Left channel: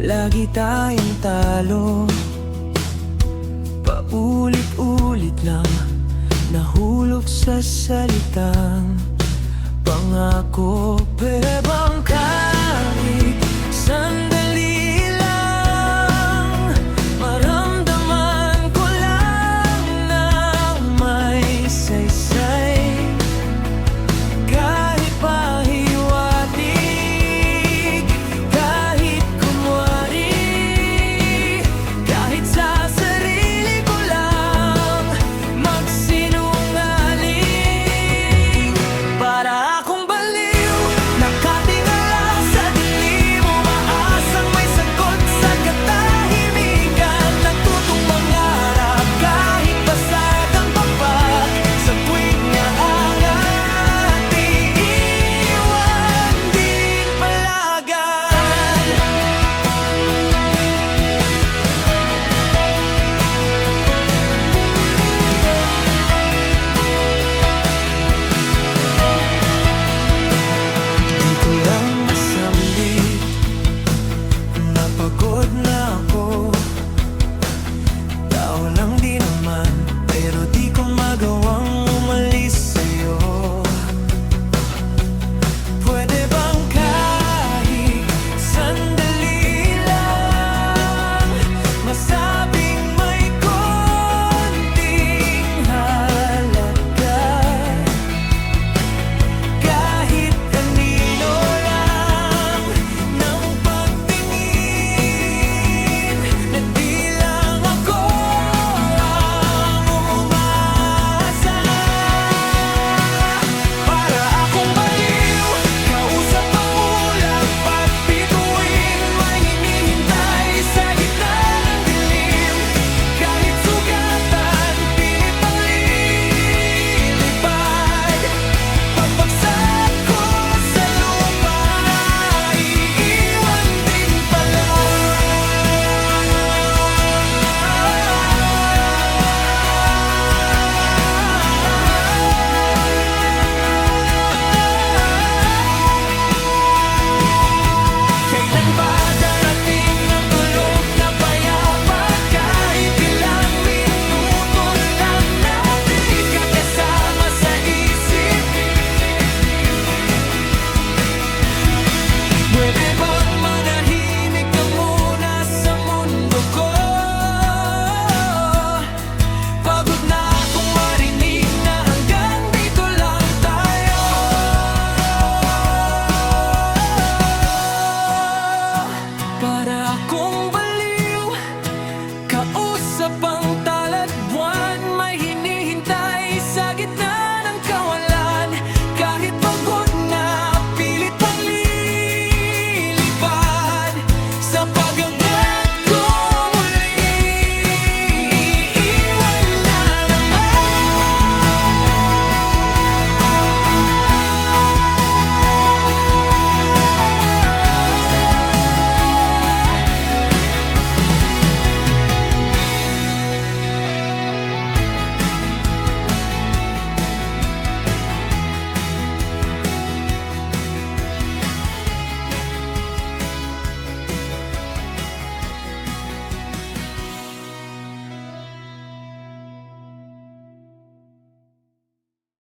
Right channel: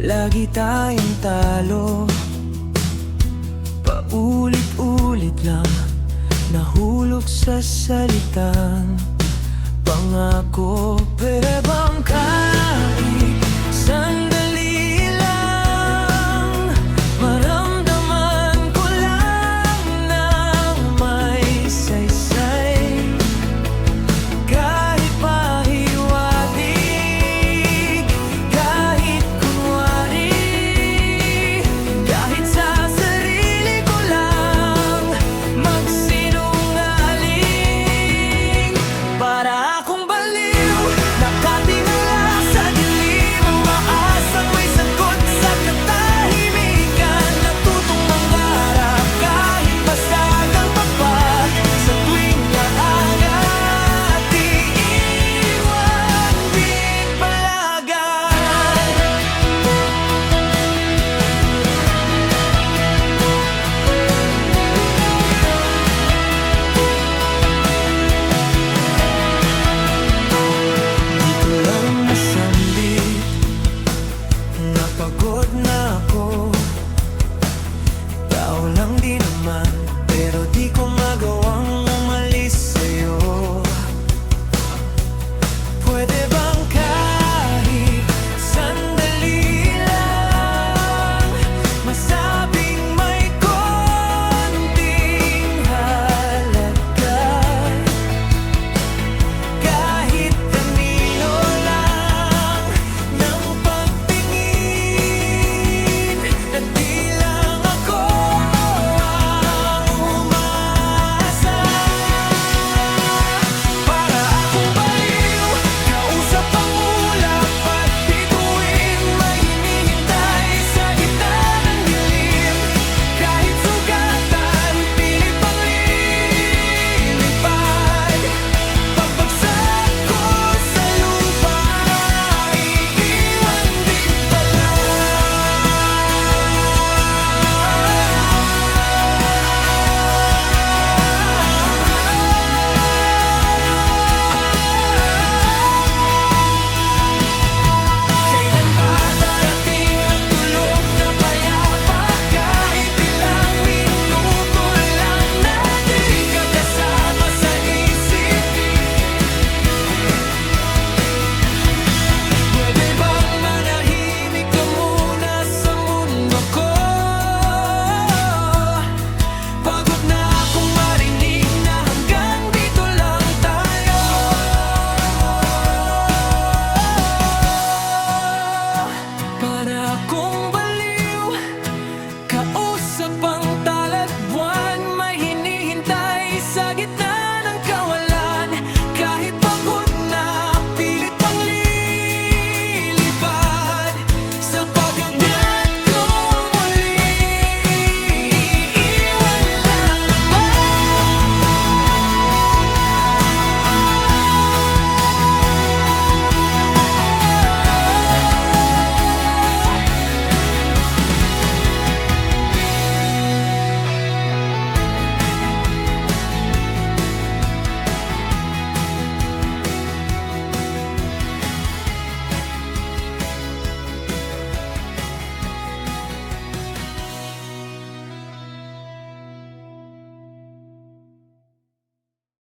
Lagi tayong talo, paulit-ulit lang, nahulog sa salitang pangako. Pwede bang kahit sandali lang, maramdaman ko lang na may saysay, kahit pahiwatig, kahit kunwari, kahit sa sarili ko lang magsinungaling. Para akong baliw, nakatingala sa dilim, umaasang may sagot sa katahimikan, natutong mangarap kahit basag ang papat, sa tuwing aangat, iiwan din palagan. Di ko lang masambit, napagod na ako